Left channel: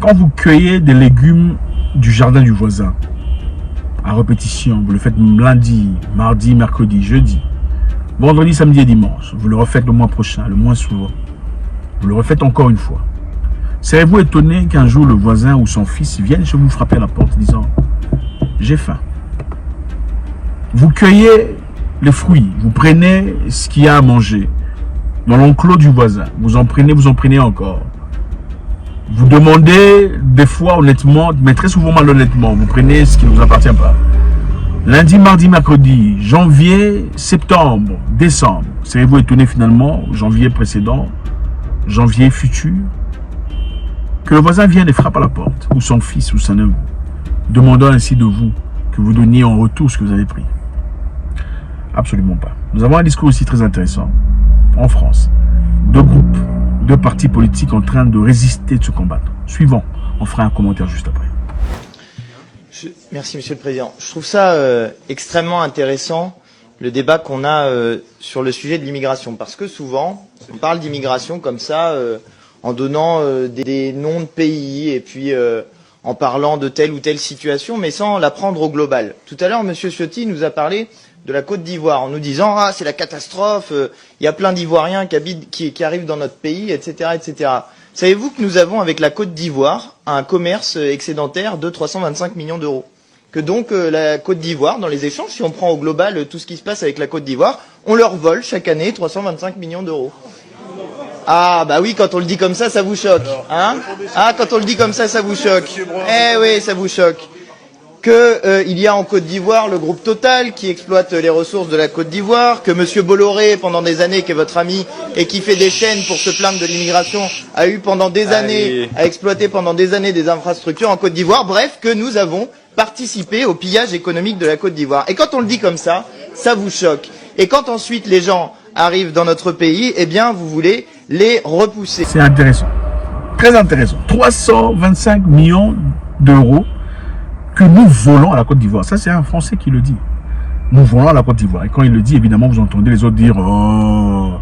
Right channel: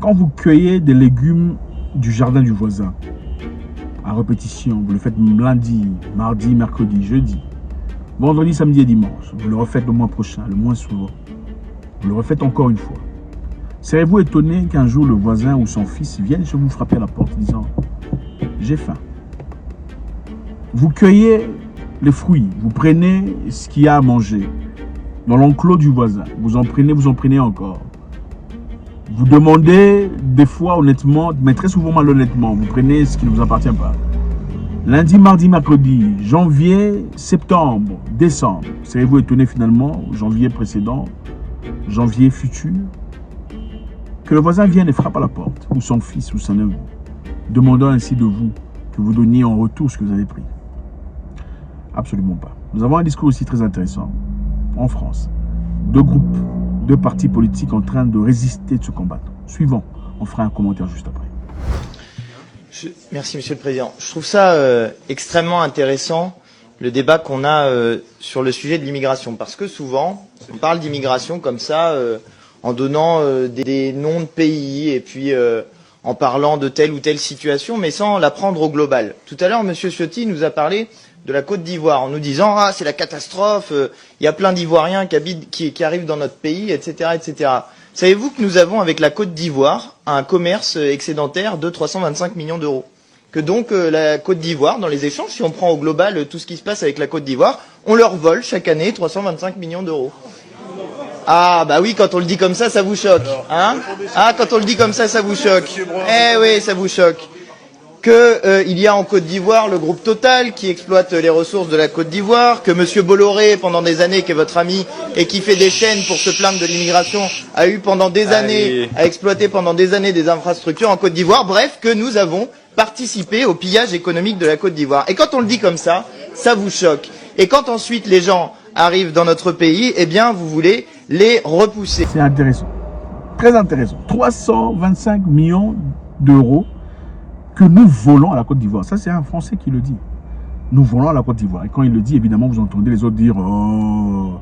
Quand vous cueillez des légumes du jardin du voisin, à répétition, vous le faites lundi, mardi, mercredi, jeudi, vendredi, samedi et dimanche, vous le refaites le mois prochain, le mois suivant, vous le refaites encore une fois. Serez-vous étonné qu'un jour le voisin ou son fils vienne chez vous frapper à la porte disant « J'ai faim ». Vous cueillez les fruits, vous prenez ce qu'il y a à manger dans l'enclos du voisin, vous en prenez encore. Vous demandez des fois honnêtement, mais très souvent malhonnêtement, vous prenez ce qui ne vous appartient pas. Lundi, mardi, mercredi, janvier, septembre, décembre, serez-vous étonné finalement, janvier précédent, janvier futur, que le voisin vienne et frappe à la porte, ou son fils, ou son neveu, demandant ainsi de vous que vous donniez en retour ce que vous avez pris? Absolument pas. Nous avons un discours aussi très intéressant en France. Deux groupes, deux partis politiques en train de résister, de se combattre. Suivant, on fera un commentaire juste après. Merci Monsieur le Président. Je trouve ça extrêmement intéressant, le débat qu'on a sur le sujet de l'immigration. Parce que souvent, on parle d'immigration comme ça, en donnant des noms de pays et puis en parlant de telle ou telle situation, mais sans la prendre au global. Tout à l'heure, Monsieur Ciotti nous a parlé de la Côte d'Ivoire en nous disant « Ah, c'est la catastrophe, il y a plein d'Ivoiriens qui arrivent dans notre pays, etc. etc. » Savez-vous que nous avons avec la Côte d'Ivoire un commerce excédentaire de 325 millions d'euros? Que donc la Côte d'Ivoire, dans les échanges, si on prend au global tout ce qui se passe avec la Côte d'Ivoire, on leur vole chaque année 325 millions d'euros. Ah bah oui, quand on le dit comme ça vous choque. Hein? Ah, quand on le dit comme ça vous choque. Eh oui, ça vous choque. Il y a en Côte d'Ivoire le groupe Total qui exploite les ressources de la Côte d'Ivoire, que Monsieur Bolloré, pendant des années, qui est votre ami et qui fait des chaînes pour se plaindre de l'immigration, a eu pendant des années, a exploité pendant des années des infrastructures en Côte d'Ivoire. Bref, que nous avons participé au pillage économique de la Côte d'Ivoire. Et quand on le dit comme ça vous choque. Et quand ensuite les gens arrivent dans notre pays, eh bien, vous voulez les repousser. C'est intéressant. Très intéressant. 325 millions d'euros que nous volons à la Côte d'Ivoire. Ça, c'est un Français qui le dit. Nous volons à la Côte d'Ivoire. Et quand il le dit, évidemment, vous entendez les autres dire « Oh !»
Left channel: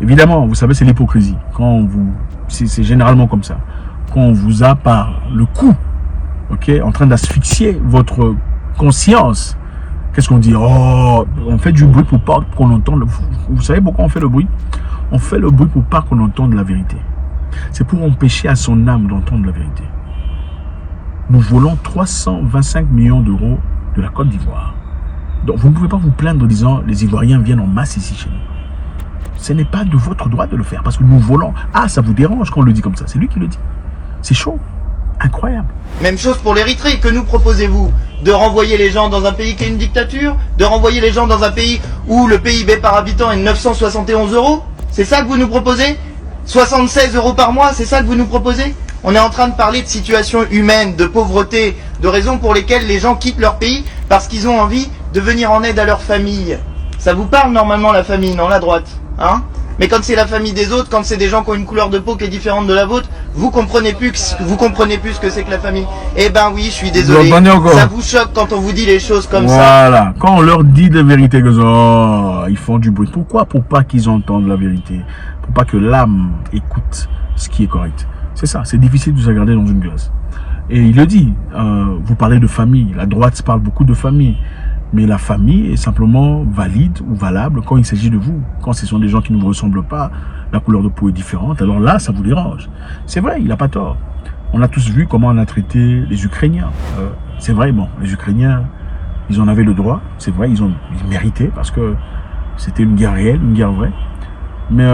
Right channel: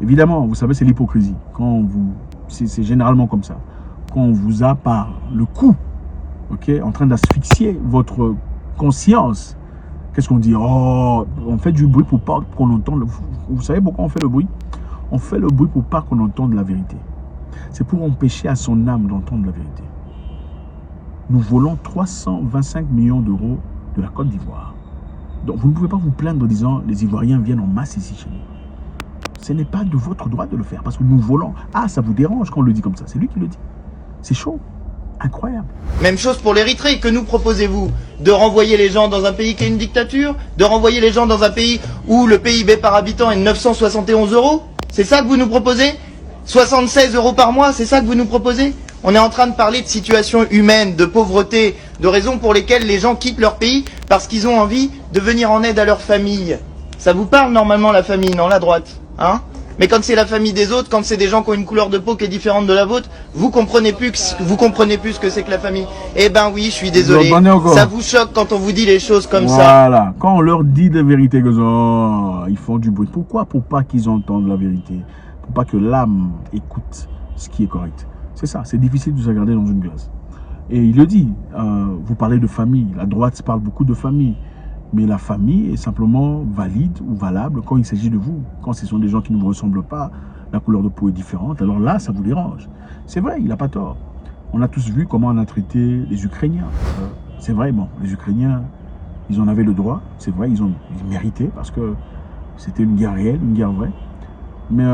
Évidemment, vous savez, c'est l'hypocrisie. C'est généralement comme ça. Quand on vous a par le cou, en train d'asphyxier votre conscience, qu'est-ce qu'on dit? Oh, on fait du bruit pour pas qu'on entende. Vous savez pourquoi on fait le bruit? On fait le bruit pour pas qu'on entende la vérité. C'est pour empêcher à son âme d'entendre la vérité. Nous volons 325 millions d'euros de la Côte d'Ivoire. Donc vous ne pouvez pas vous plaindre en disant les Ivoiriens viennent en masse ici chez nous. Ce n'est pas de votre droit de le faire parce que nous volons. Ah, ça vous dérange quand on le dit comme ça. C'est lui qui le dit. C'est chaud. Incroyable. Même chose pour l'Érythrée. Que nous proposez-vous? De renvoyer les gens dans un pays qui est une dictature? De renvoyer les gens dans un pays où le PIB par habitant est de 971 euros? C'est ça que vous nous proposez? 76 euros par mois, c'est ça que vous nous proposez? On est en train de parler de situation humaine, de pauvreté, de raisons pour lesquelles les gens quittent leur pays parce qu'ils ont envie de venir en aide à leur famille. Ça vous parle normalement la famille, non, la droite, hein? Mais quand c'est la famille des autres, quand c'est des gens qui ont une couleur de peau qui est différente de la vôtre, vous comprenez plus ce que c'est que la famille. Eh ben oui, je suis désolé. Ça vous choque quand on vous dit les choses comme ça. Voilà. Quand on leur dit la vérité, ils font du bruit. Pourquoi? Pour pas qu'ils entendent la vérité. Pour pas que l'âme écoute ce qui est correct. C'est ça. C'est difficile de se regarder dans une glace. Et il le dit. Vous parlez de famille. La droite parle beaucoup de famille. Mais la famille est simplement valide ou valable quand il s'agit de vous. Quand ce sont des gens qui ne vous ressemblent pas, la couleur de peau est différente, alors là, ça vous dérange. C'est vrai, il n'a pas tort. On a tous vu comment on a traité les Ukrainiens. C'est vrai, bon, les Ukrainiens, ils en avaient le droit. C'est vrai, ils méritaient parce que c'était une guerre réelle, une guerre vraie. Mais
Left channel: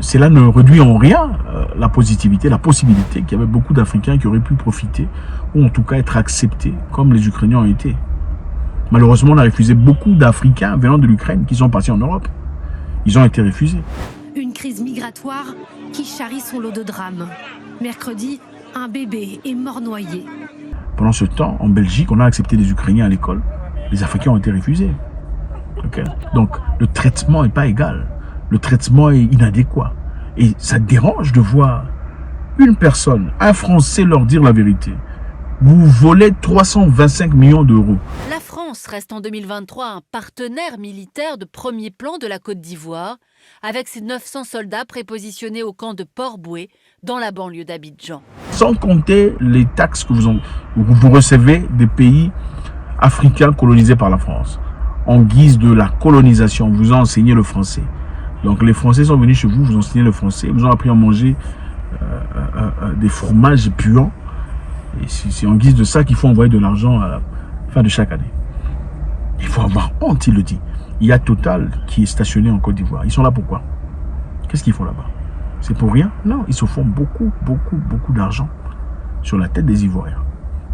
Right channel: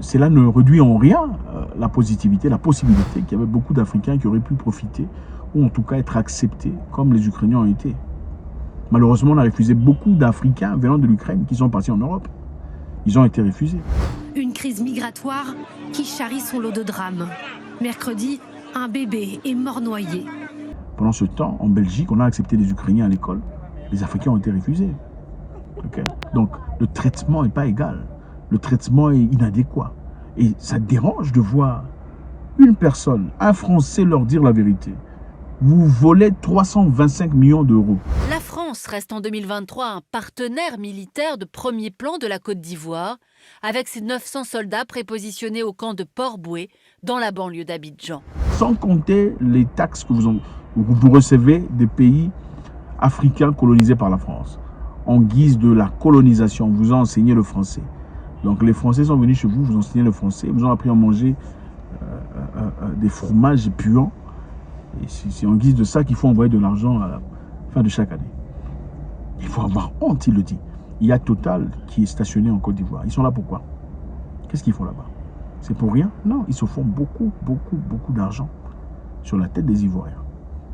cela ne réduit en rien la positivité, la possibilité qu'il y avait beaucoup d'Africains qui auraient pu profiter ou en tout cas être acceptés comme les Ukrainiens ont été. Malheureusement, on a refusé beaucoup d'Africains venant de l'Ukraine qui sont partis en Europe. Ils ont été refusés. Une crise migratoire qui charrie son lot de drames. Mercredi, un bébé est mort noyé. Pendant ce temps, en Belgique, on a accepté des Ukrainiens à l'école. Les Africains ont été refusés. Donc, le traitement n'est pas égal. Le traitement est inadéquat. Et ça dérange de voir une personne, un Français, leur dire la vérité. Vous volez 325 millions d'euros. La France reste en 2023 un partenaire militaire de premier plan de la Côte d'Ivoire, avec ses 900 soldats prépositionnés au camp de Port-Bouët, dans la banlieue d'Abidjan. Sans compter les taxes que vous recevez des pays africains colonisés par la France. En guise de la colonisation, on vous a enseigné le français. Donc les Français sont venus chez vous, vous ont enseigné le français, vous ont appris à manger des fromages puants. Et c'est en guise de ça qu'il faut envoyer de l'argent à la fin de chaque année. Il faut avoir honte, il le dit. Il y a Total qui est stationné en Côte d'Ivoire. Ils sont là pourquoi? Qu'est-ce qu'ils font là-bas? C'est pour rien? Non, ils se font beaucoup d'argent sur la tête des Ivoiriens.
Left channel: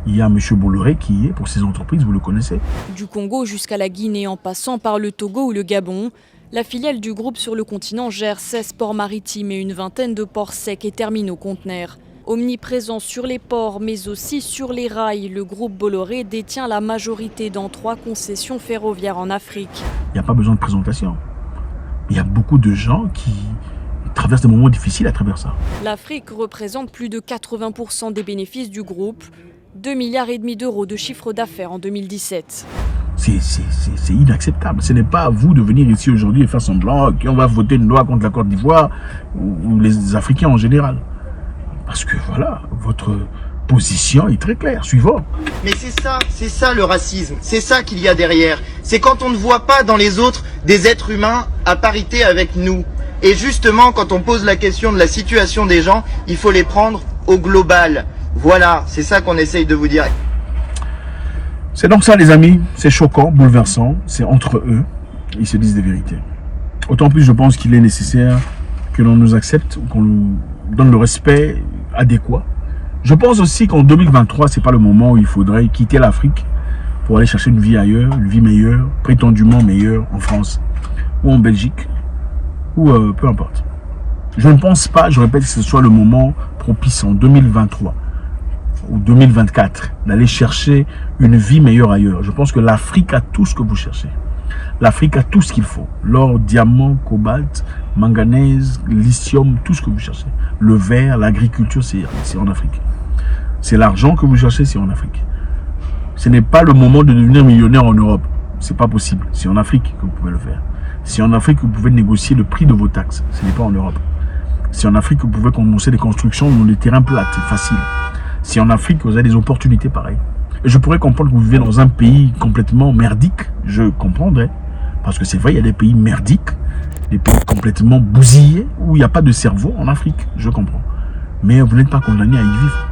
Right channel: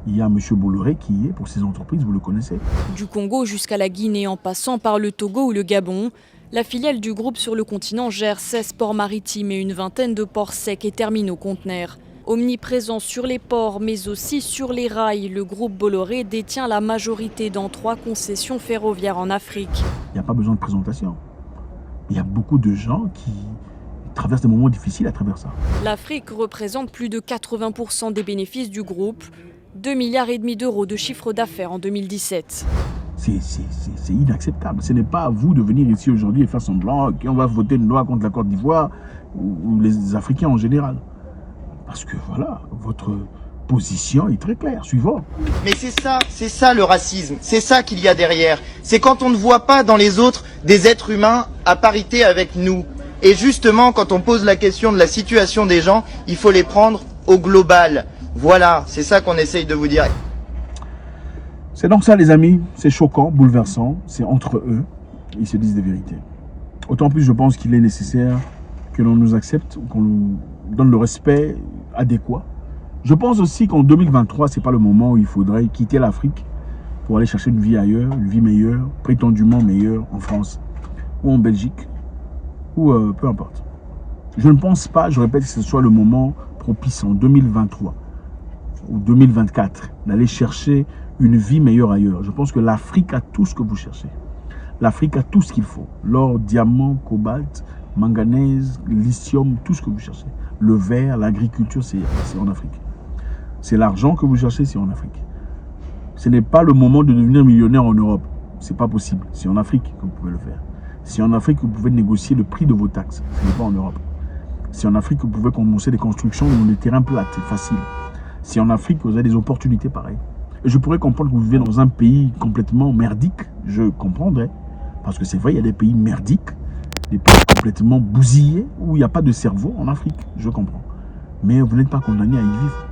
Il y a M. Bolloré qui est pour ces entreprises, vous le connaissez. Du Congo jusqu'à la Guinée en passant par le Togo ou le Gabon, la filiale du groupe sur le continent gère 16 ports maritimes et une vingtaine de ports secs et terminaux conteneurs. Omniprésent sur les ports mais aussi sur les rails, le groupe Bolloré détient la majorité dans 3 concessions ferroviaires en Afrique. Il n'y a pas besoin de présentation. Il y a beaucoup de gens qui traversent des moments difficiles à travers ça. L'Afrique représente plus de 80% des bénéfices du groupe. 2,5 milliards d'euros de chiffre d'affaires en 2017. C'est inacceptable. Ce n'est pas à vous de venir ici aujourd'hui et faire semblant qu'on va voter une loi contre la Côte d'Ivoire ou les Africains en général. Parce que voilà, votre position est très claire, suivant. Mais c'est ça le racisme, c'est ça qu'il y a derrière. C'est quand on ne voit pas dans les autres des êtres humains à parité avec nous. Et justement, quand on pose la question de la situation des gens, il faut les prendre au global. Voilà, c'est ça qu'on essaye de vous dire. C'est donc ça les amis, c'est choquant, bouleversant, c'est entre eux, ils se disent des vérités. Autant plus je pense qu'il est nécessaire que l'on nous accepte, qu'on nous donne le respect adéquat. Je pense aussi qu'en 2023, c'est pas le moment où il faudrait quitter l'Afrique pour aller chercher une vie ailleurs, une vie meilleure, prétendument meilleure en France ou en Belgique, ou peu importe. Je ne pense pas, je répète, que ce soit le moment propice en 2023 ou 2024 d'aller chercher une vie meilleure ailleurs. Je pense que l'Afrique a tout ce que vous cherchez. L'Afrique a tout ce qu'il faut. L'or, diamant, cobalt, manganèse, lithium, tout ce que vous cherchez. Le verre, l'agriculture, c'est en Afrique. C'est l'argent que vous cherchez, c'est en Afrique. Ce n'est pas le moment de devenir millionnaire en Europe. C'est pas possible. C'est en Afrique que vous pouvez le faire. C'est en Afrique que vous pouvez négocier le prix de vos taxes. Ce n'est pas en Europe. C'est en Afrique que vous pouvez commencer des constructions dans des terrains plats, faciles. C'est en Afrique que vous avez des opportunités pareilles. Et je pourrais comprendre que vous vivez dans un pays complètement merdique. Je comprendrais. Parce que c'est vrai, il y a des pays merdiques, des pays complètement bousillés, où il n'y a pas de cerveau en Afrique. Je comprends. Mais vous n'êtes pas condamné à y vivre.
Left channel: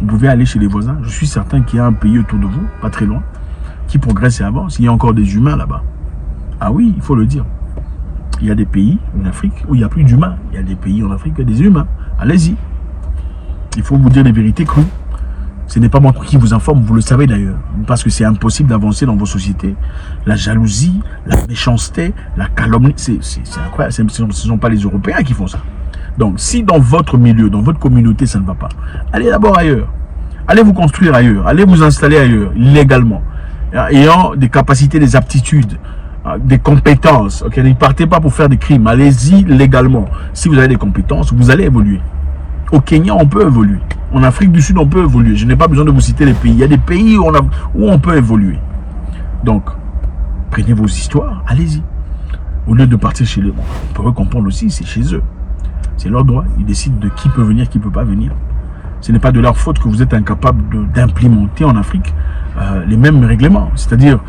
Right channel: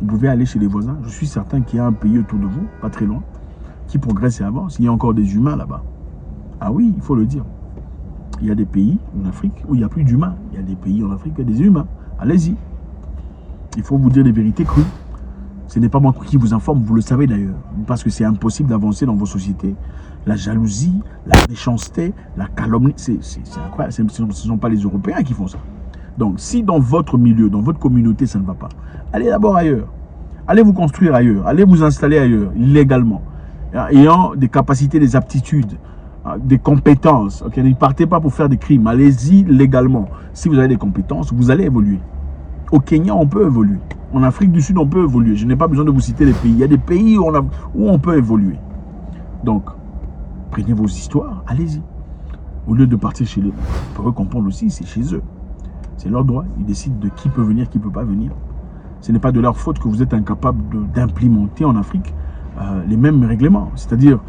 Vous pouvez aller chez les voisins. Je suis certain qu'il y a un pays autour de vous, pas très loin, qui progresse et avance. Il y a encore des humains là-bas. Ah oui, il faut le dire. Il y a des pays en Afrique où il n'y a plus d'humains. Il y a des pays en Afrique où il y a des humains. Allez-y. Il faut vous dire les vérités crues. Ce n'est pas moi qui vous informe, vous le savez d'ailleurs. Parce que c'est impossible d'avancer dans vos sociétés. La jalousie, la méchanceté, la calomnie, c'est incroyable. Ce ne sont pas les Européens qui font ça. Donc, si dans votre milieu, dans votre communauté, ça ne va pas, allez d'abord ailleurs. Allez vous construire ailleurs. Allez vous installer ailleurs, légalement. Ayant des capacités, des aptitudes, des compétences. Okay? Ne partez pas pour faire des crimes. Allez-y légalement. Si vous avez des compétences, vous allez évoluer. Au Kenya, on peut évoluer. En Afrique du Sud, on peut évoluer. Je n'ai pas besoin de vous citer les pays. Il y a des pays où on peut évoluer. Donc, prenez vos histoires, allez-y. Au lieu de partir chez les... On peut comprendre aussi, c'est chez eux. C'est leur droit. Ils décident de qui peut venir, qui ne peut pas venir. Ce n'est pas de leur faute que vous êtes incapable d'implémenter en Afrique les mêmes règlements. C'est-à-dire,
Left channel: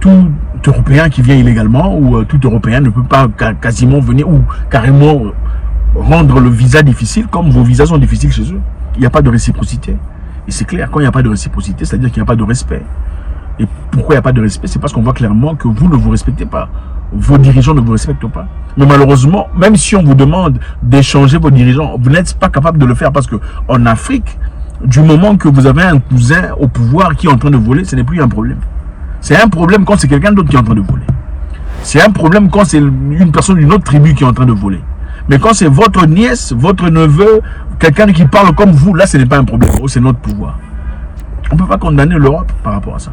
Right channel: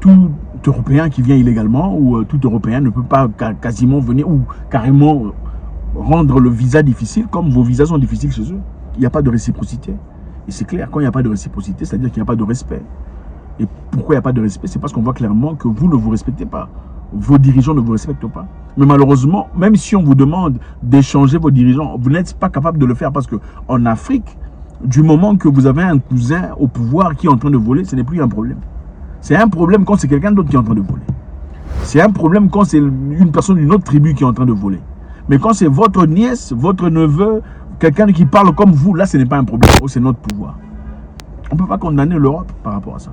tout Européen qui vient illégalement ou tout Européen ne peut pas quasiment venir ou carrément rendre le visa difficile comme vos visas sont difficiles chez eux. Il n'y a pas de réciprocité. Et c'est clair, quand il n'y a pas de réciprocité, c'est-à-dire qu'il n'y a pas de respect. Et pourquoi il n'y a pas de respect? C'est parce qu'on voit clairement que vous ne vous respectez pas. Vos dirigeants ne vous respectent pas. Mais malheureusement, même si on vous demande d'échanger vos dirigeants, vous n'êtes pas capable de le faire parce qu'en Afrique, du moment que vous avez un cousin au pouvoir qui est en train de voler, ce n'est plus un problème. C'est un problème quand c'est quelqu'un d'autre qui est en train de voler. C'est un problème quand c'est une personne d'une autre tribu qui est en train de voler. Mais quand c'est votre nièce, votre neveu, quelqu'un qui parle comme vous, là, ce n'est pas un problème. C'est notre pouvoir. On ne peut pas condamner l'Europe par rapport à ça.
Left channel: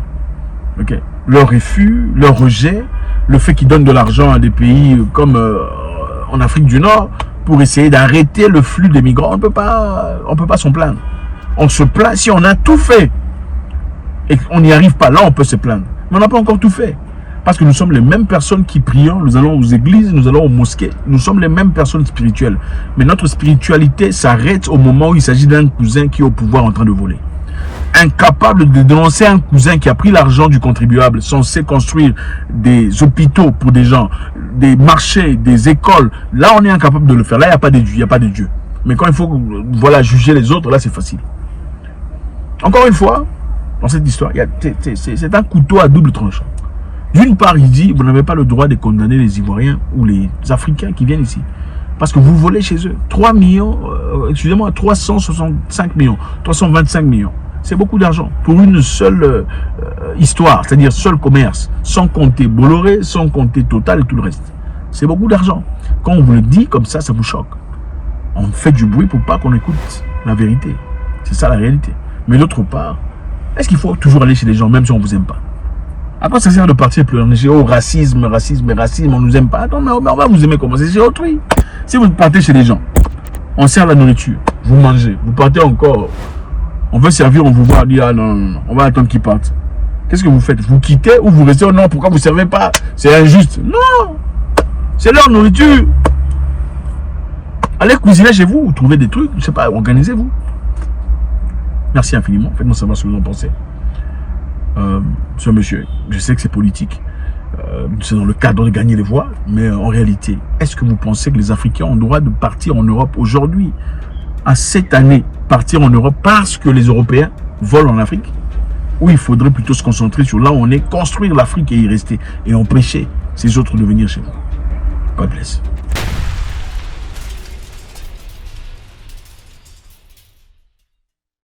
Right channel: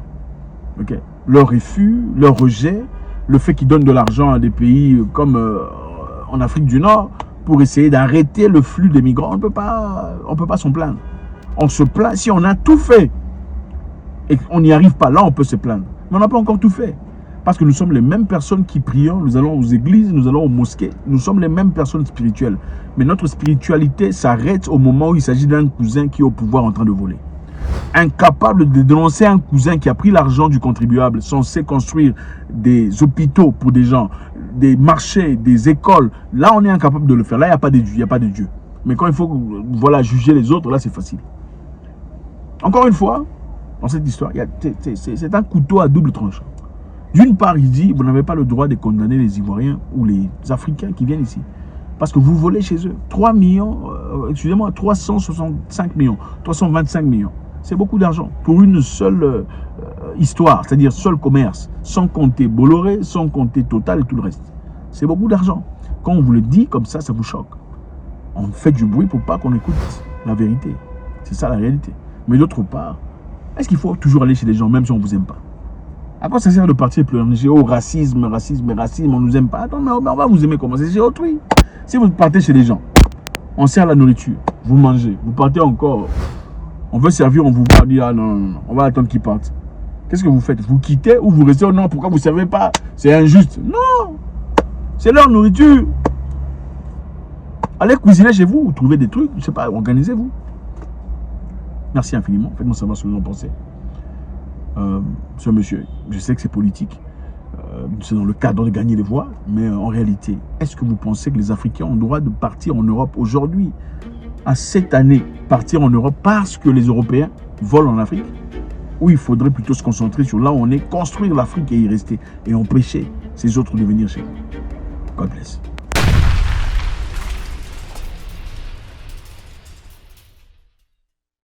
Okay. Leur refus, leur rejet, le fait qu'ils donnent de l'argent à des pays comme en Afrique du Nord pour essayer d'arrêter le flux des migrants, on ne peut pas s'en plaindre. On se plaint si on a tout fait et qu'on n'y arrive pas. Là, on peut se plaindre. Mais on n'a pas encore tout fait. Parce que nous sommes les mêmes personnes qui prions, nous allons aux églises, nous allons aux mosquées. Nous sommes les mêmes personnes spirituelles. Mais notre spiritualité s'arrête au moment où il s'agit d'un cousin qui est au pouvoir en train de voler. Incapable de dénoncer un cousin qui a pris l'argent du contribuable, censé construire des hôpitaux pour des gens, des marchés, des écoles. Là, on est incapable de le faire. Là, il n'y a pas de Dieu, il n'y a pas de Dieu. Mais quand il faut voilà, juger les autres, là, c'est facile. Encore une fois, dans cette histoire, c'est un couteau à double tranchant. D'une part, il dit, vous n'avez pas le droit de condamner les Ivoiriens ou les Africains qui viennent ici. Parce que vous volez chez eux. 3 millions, excusez-moi, 365 millions, 325 millions. C'est beaucoup d'argent pour une seule histoire, c'est-à-dire seul commerce, sans compter Bolloré, sans compter Total et tout le reste. C'est beaucoup d'argent. Quand on vous le dit comme ça, ça vous choque. On fait du bruit pour pas qu'on écoute la vérité. C'est ça la réalité. Mais d'autre part, est-ce qu'il faut toujours aller chez les gens, même si on ne vous aime pas? Après, ça sert de partir pleurer. Oh, racisme, on nous aime pas. Non, mais on va vous aimer comment? C'est chez autrui. Si vous partez chez les gens, on sert la nourriture, vous mangez, vous partez encore, on veut servir, on vous voit, on dit, ah non, on va attendre qu'ils partent. Qu'est-ce que vous faites? Vous quittez ou vous restez? Oh non, pourquoi vous ne servez pas? C'est injuste. Non, c'est leur nourriture. Allez cuisiner chez vous, trouvez des trucs, je sais pas, organisez-vous. Merci infiniment, faites-moi savoir ce que vous en pensez. Ce monsieur, je sais que c'est politique, c'est dans le cadre de gagner les voix, mais en réalité, est-ce que vous pensez que les Africains ont le droit de partir en Europe aujourd'hui, à cette année, partir en Europe parce que les Européens volent en Afrique? Ou il faudrait plutôt se concentrer sur là où on est, construire l'Afrique et y rester, et empêcher ces autres de venir chez nous? God bless.